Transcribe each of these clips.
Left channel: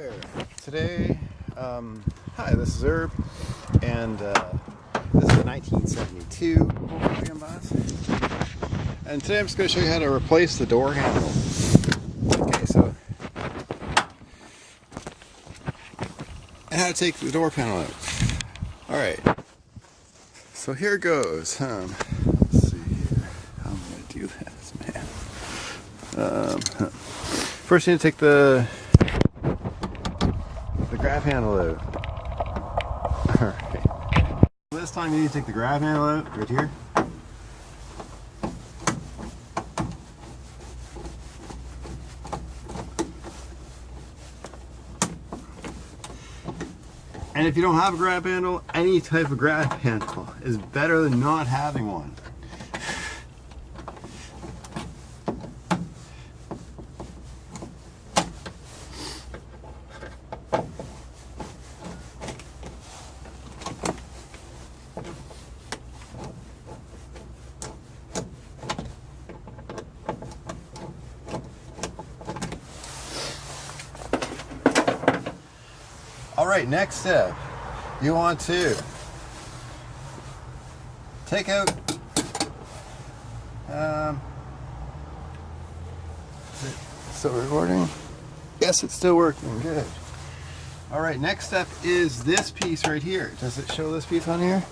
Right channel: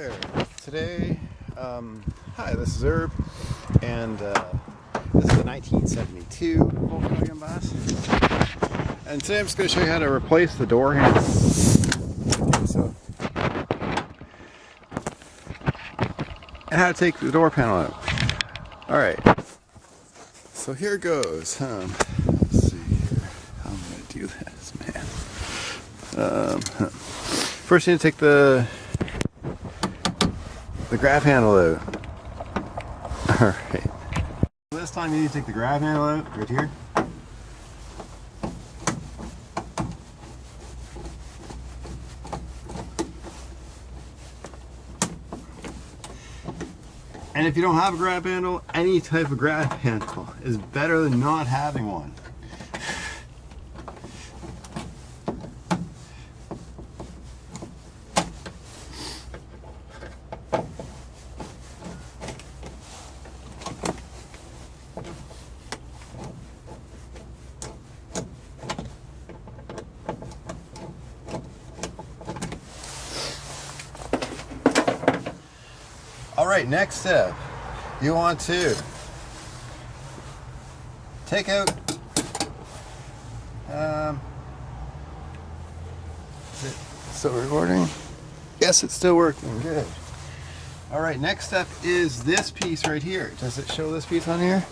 there. Today, hi, this is Herb, and this is a 1972 Volkswagen bus. And today I'm just going to show you how to replace the door handle. Okay, so, and how to take the door panel out. Alright, so here goes. Let's see here. How am I going to do this, man? First you need to take the grab handle out. Alright. This time you need to take the grab handle out right here. And if you don't have a grab handle, any type of grab handle is better than not having one. Alright, next step, you want to take out, is it still recording? Yes, it's still working, good. Alright, next step is this piece right here. Does it show this piece on here?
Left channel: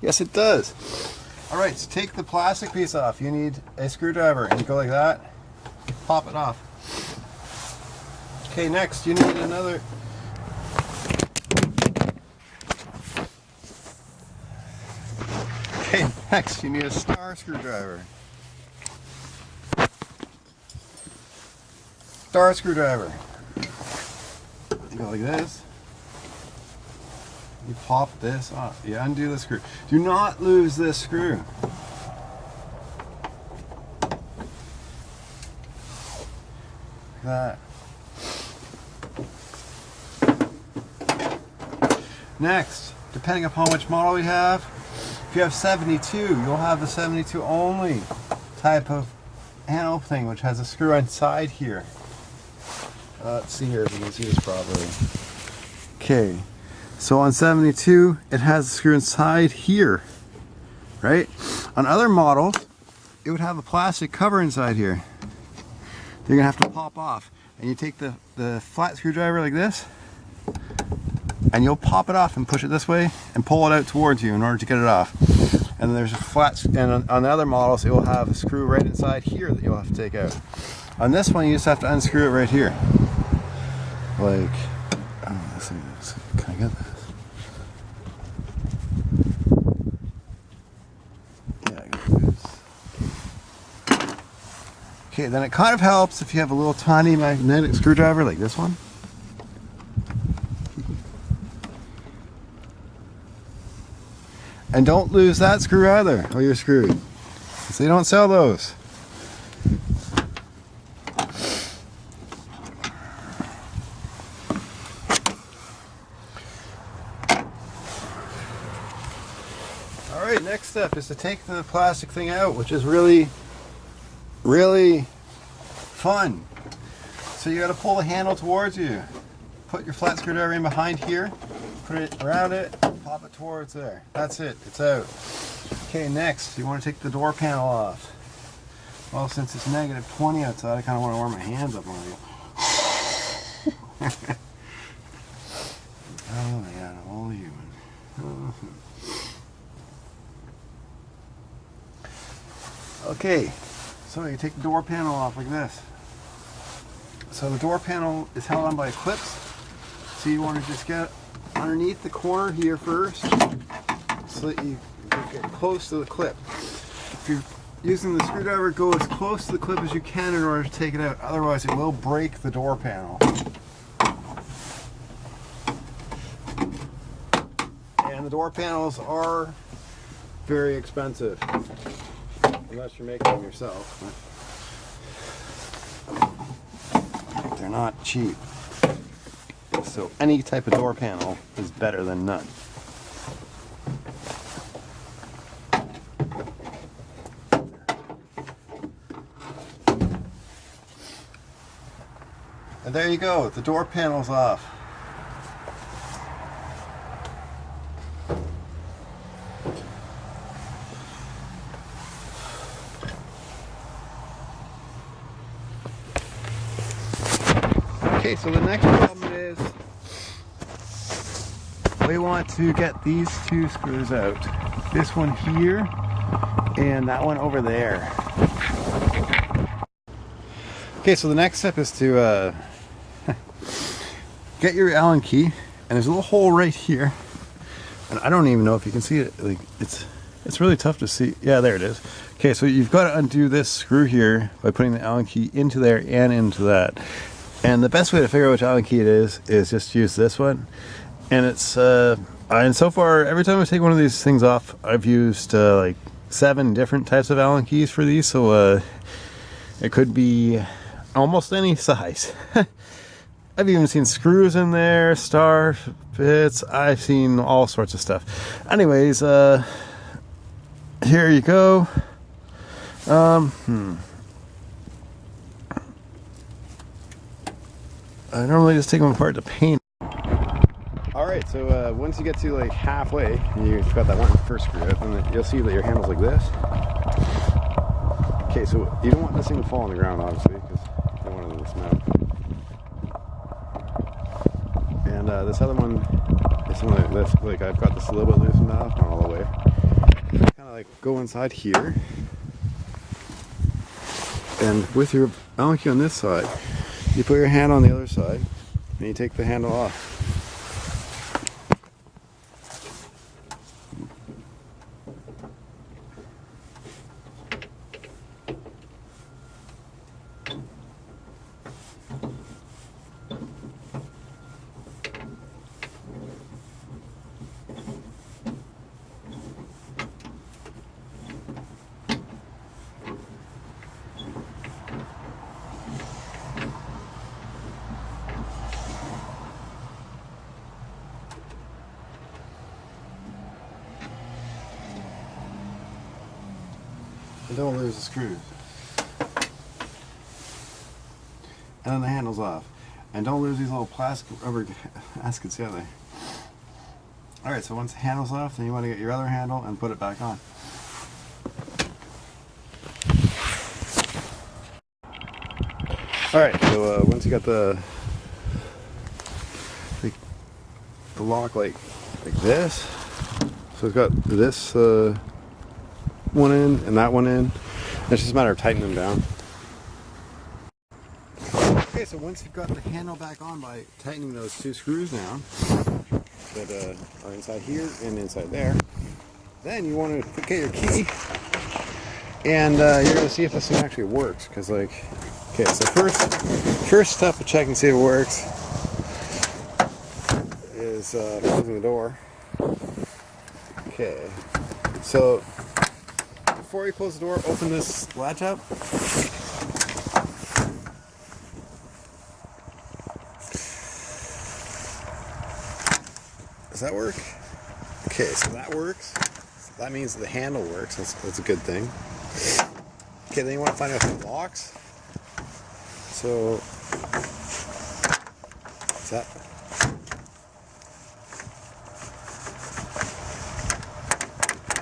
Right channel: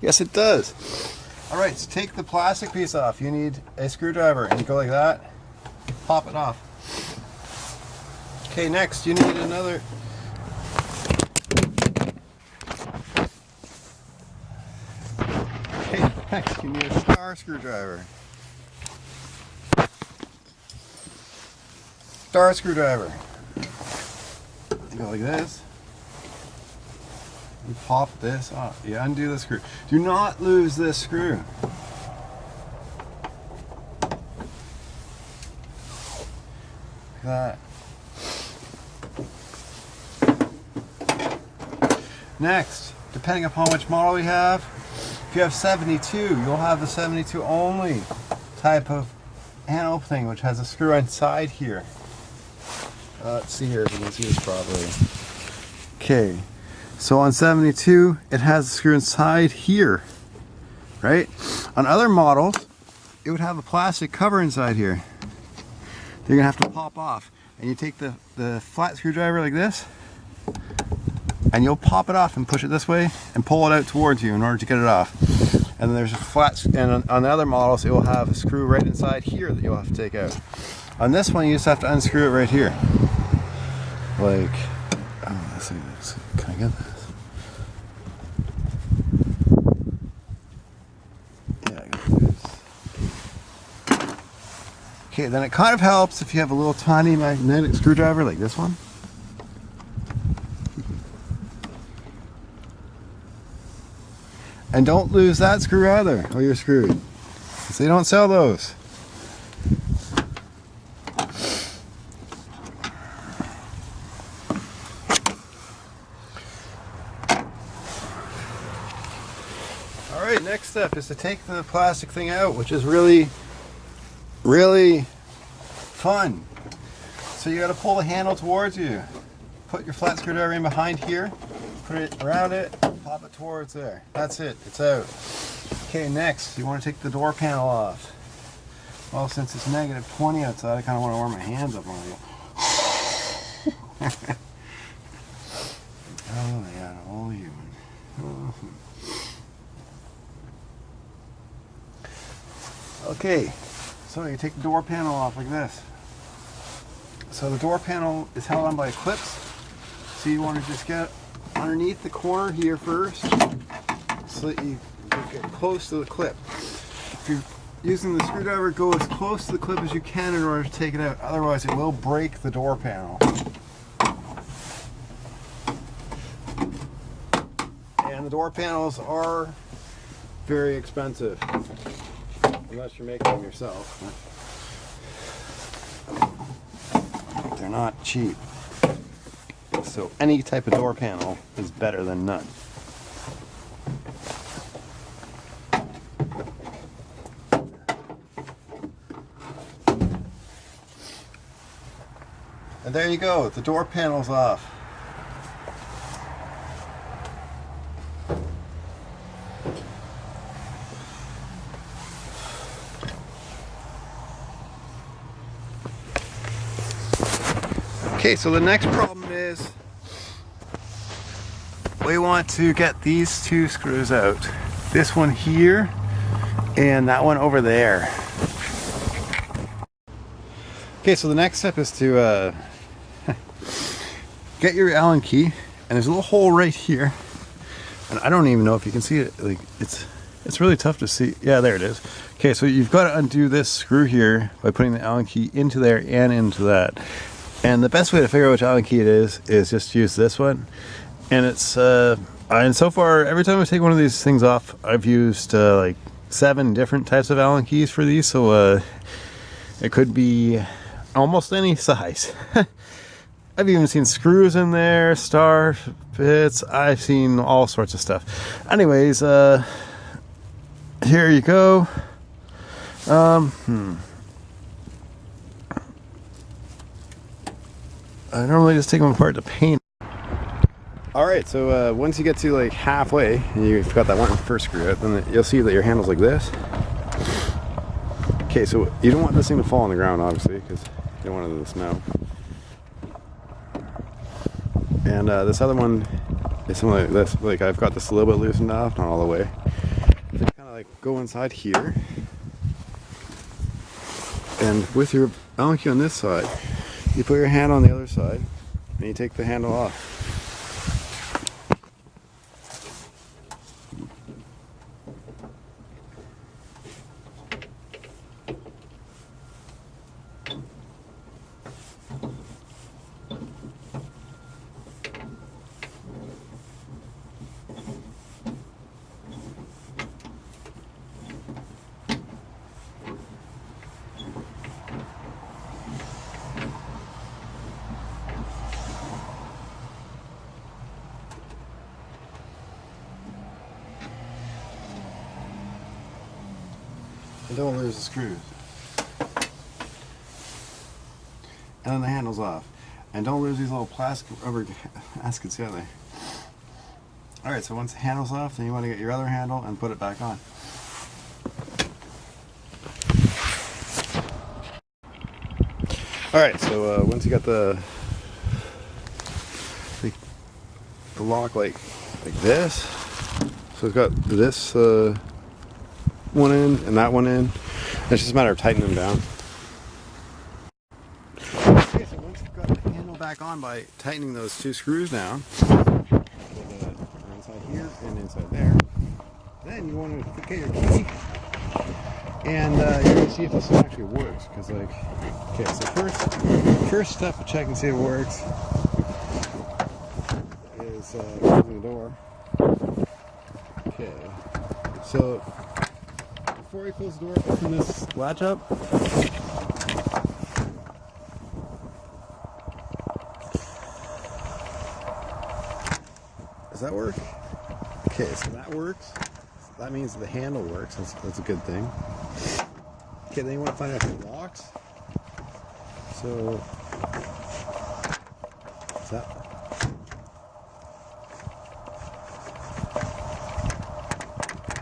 Yes, it does. Alright, so take the plastic piece off. You need a screwdriver, and you go like that, pop it off. Okay, next you need another. Okay, next you need a star screwdriver. Star screwdriver. You go like this. You pop this off. You undo the screw. Do not lose this screw. Like that. Next, depending upon which model we have, if you have 72, you'll have the 72 only type of handle thing, which has a screw inside here. Let's see here if you can see this properly. Okay, so on 72, it has a screw inside here, right? On other models, it would have a plastic cover inside here. You're gonna have to pop off, and you take the flat screwdriver like this, and you'll pop it off and push it this way and pull it out towards you in order to get it off. And then there's a flat, and on the other models it will have a screw right inside here that you'll have to take out. On this one you just have to unscrew it right here. Like, oh, let's see this. Can I get this? Yeah, I got this. Okay, then it kind of helps if you have a little tiny magnetic screwdriver like this one. And don't lose that screw either, or you're screwed. Because they don't sell those. Alright, next step is to take the plastic thing out, which is really, really fun. So you got to pull the handle towards you. Put your flat screwdriver in behind here, put it around it, pop it towards there. That's it, it's out. Okay, next, you want to take the door panel off. Well, since it's -20 outside, I kind of want to warm my hands up on it. Oh yeah, all human. Okay, so you take the door panel off like this. So the door panel is held on by clips. So you want to just get underneath the corner here first, so that you get close to the clip. If you're using the screwdriver, go as close to the clip as you can in order to take it out. Otherwise it will break the door panel. And the door panels are very expensive, unless you're making them yourself. They're not cheap. So any type of door panel is better than none. And there you go, the door panel's off. Okay, so the next problem is we want to get these two screws out. This one here and that one over there. Okay, so the next step is to get your Allen key, and there's a little hole right here, and I don't even know if you can see it. Like it's really tough to see. Yeah, there it is. Okay, so you've got to undo this screw here by putting the Allen key into there and into that. And the best way to figure out which Allen key it is just use this one. And it's and so far every time I take one of these things off, I've used like 7 different types of Allen keys for these. So it could be almost any size. I've even seen screws in there, star bits. I've seen all sorts of stuff. Anyways, here you go. I normally just take them apart to paint. Alright, so once you get to like halfway, and you've got that one first screw out, then you'll see that your handle's like this. Okay, so you don't want this thing to fall on the ground, obviously, because you don't want it to smell. And this other one is something like this. Like I've got this a little bit loosened off, not all the way. Kind of like go inside here, and with your Allen key on this side, you put your hand on the other side, and you take the handle off. And don't lose the screws. And then the handle's off. And don't lose these little plastic rubber gaskets either. Alright, so once the handle's off, then you want to get your other handle and put it back on. Alright, so once you got the lock like this, so it's got this one in and that one in. It's just a matter of tightening them down. Okay, so once you've got the handle back on by tightening those 2 screws down that are inside here and inside there, then you want to get your key, and you're going to see if this thing actually works. Because like, okay, so first step of checking to see if it works is closing the door. Okay, so before you close the door, open this latch up. Does that work? Okay, so that works. So that means the handle works. That's a good thing. Okay, then you want to find out if it locks. So, is that?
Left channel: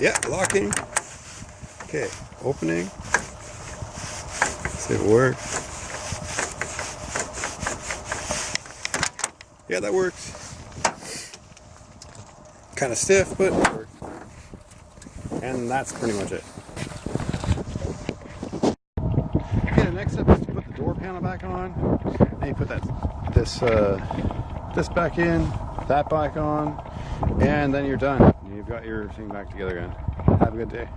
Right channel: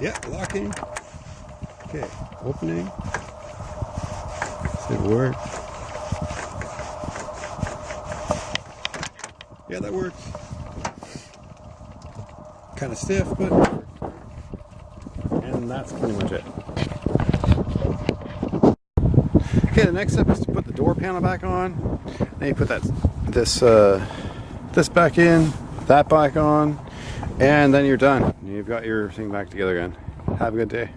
Yeah, locking. Okay, opening. See if it works. Yeah, that works. Kind of stiff, but it works. And that's pretty much it. Okay, the next step is to put the door panel back on. Then you put this back in, that back on, and then you're done. You've got your thing back together again. Have a good day.